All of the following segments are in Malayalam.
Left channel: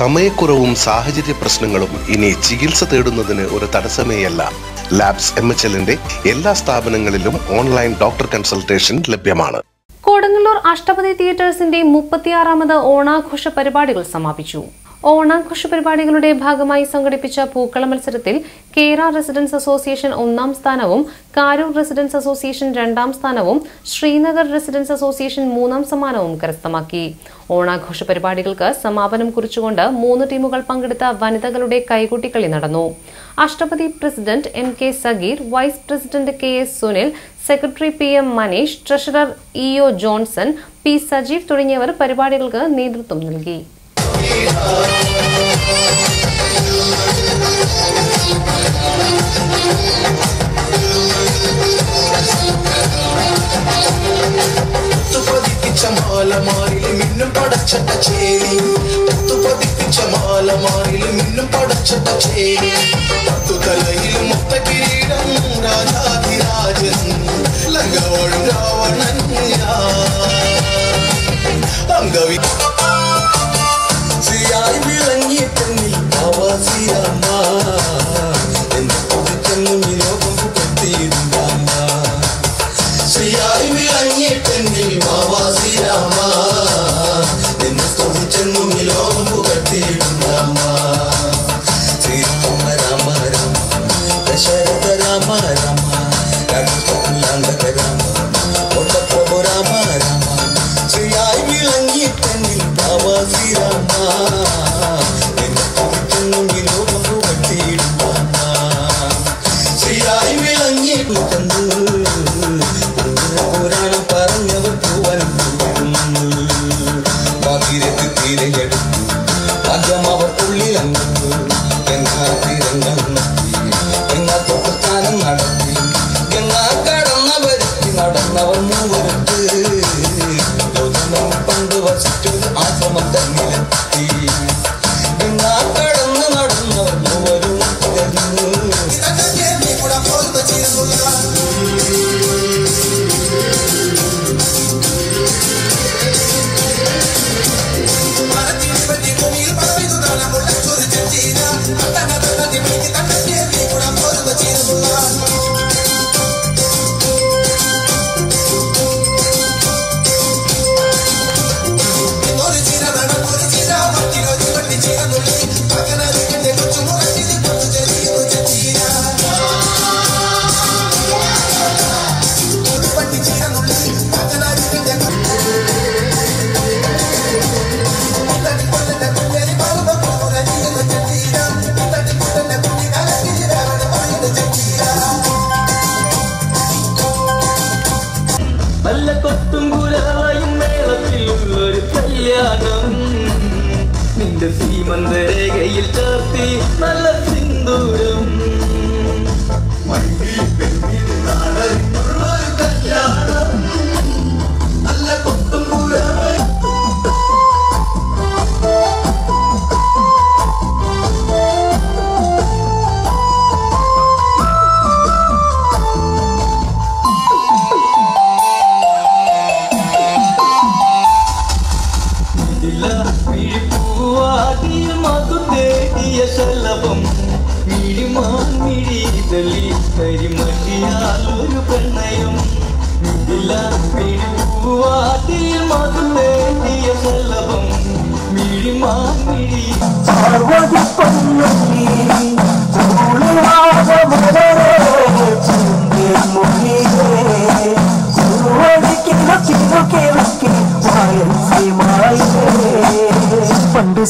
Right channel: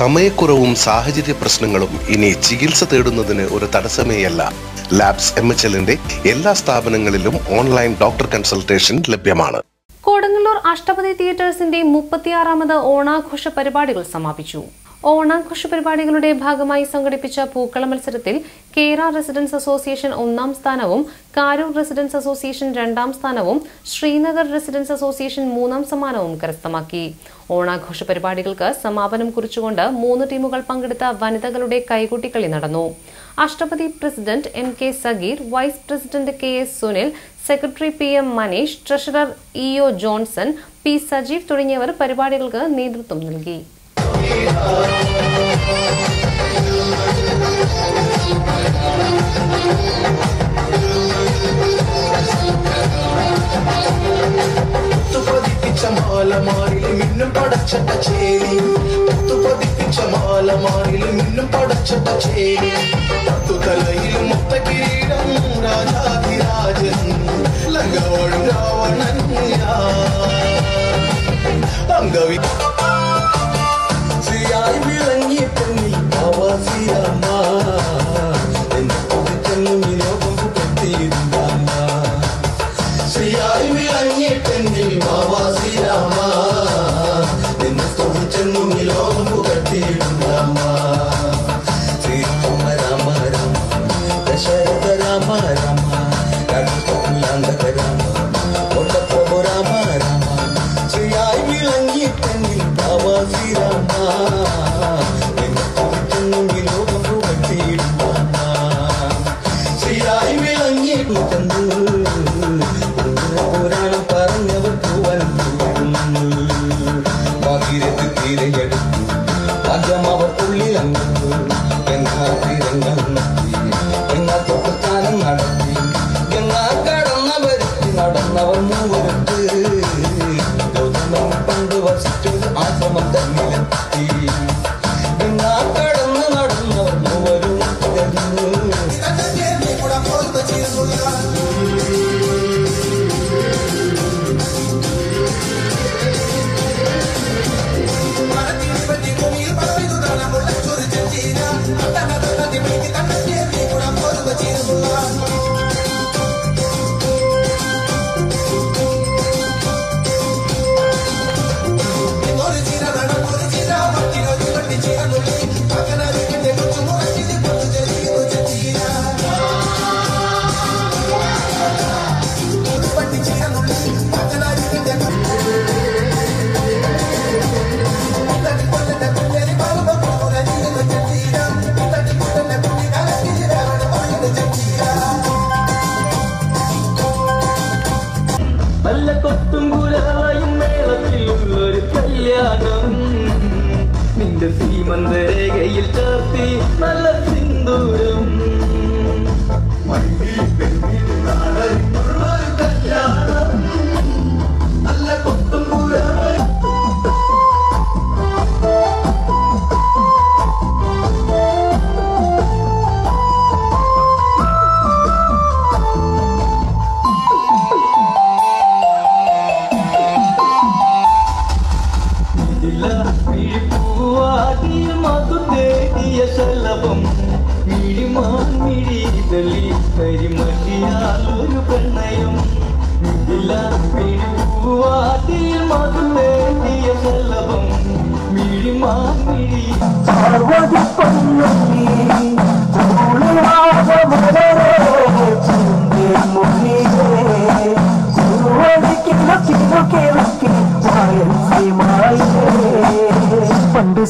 സമയക്കുറവും സാഹചര്യ പ്രശ്നങ്ങളും ഇനി ചികിത്സ തേടുന്നതിന് ഒരു തടസ്സമേയല്ല. ലാബ്സ് MHLന്റെ എല്ലാ സ്ഥാപനങ്ങളിലും ഓൺലൈൻ ഡോക്ടർ കൺസൾട്ടേഷൻ ലഭ്യമാണ്. കൊടുങ്ങല്ലൂർ അഷ്ടപതി തിയേറ്റേഴ്സിന്റെ 36ാമത് ഓണാഘോഷ പരിപാടികൾ സമാപിച്ചു. ഓണാഘോഷ പരിപാടികളുടെ ഭാഗമായി സംഘടിപ്പിച്ച പൂക്കള മത്സരത്തിൽ കേര റെസിഡൻസ് അസോസിയേഷൻ 1ാം സ്ഥാനവും കാരൂർ റെസിഡൻസ് അസോസിയേഷൻ 2ാം സ്ഥാനവും ശ്രീനഗർ റെസിഡൻസ് അസോസിയേഷൻ 3ാം സമ്മാനവും കരസ്ഥമാക്കി. ഓണാഘോഷ പരിപാടികൾക്ക് സമാപനം കുറിച്ചുകൊണ്ട് 3 ടീമുകൾ പങ്കെടുത്ത വനിതകളുടെ കൈകൊട്ടിക്കളി നടന്നു. Ashtapathi president MK Sageer, vice president KS Sunil, secretary PM Maneesh, treasurer EO Johnson, P Sajeev തുടങ്ങിയവർ പരിപാടികൾക്ക് നേതൃത്വം നൽകി.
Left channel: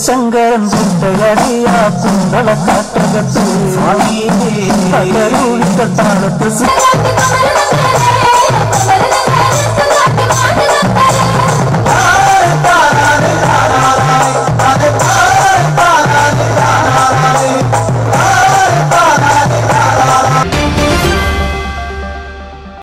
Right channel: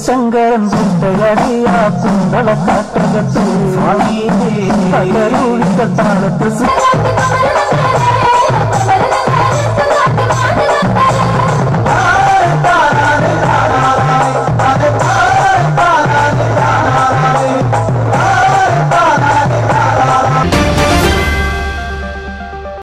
ശങ്കരൻ കുണ്ടകടിയാ കുണ്ടള കാട്ടകത്ത് താളത്ത്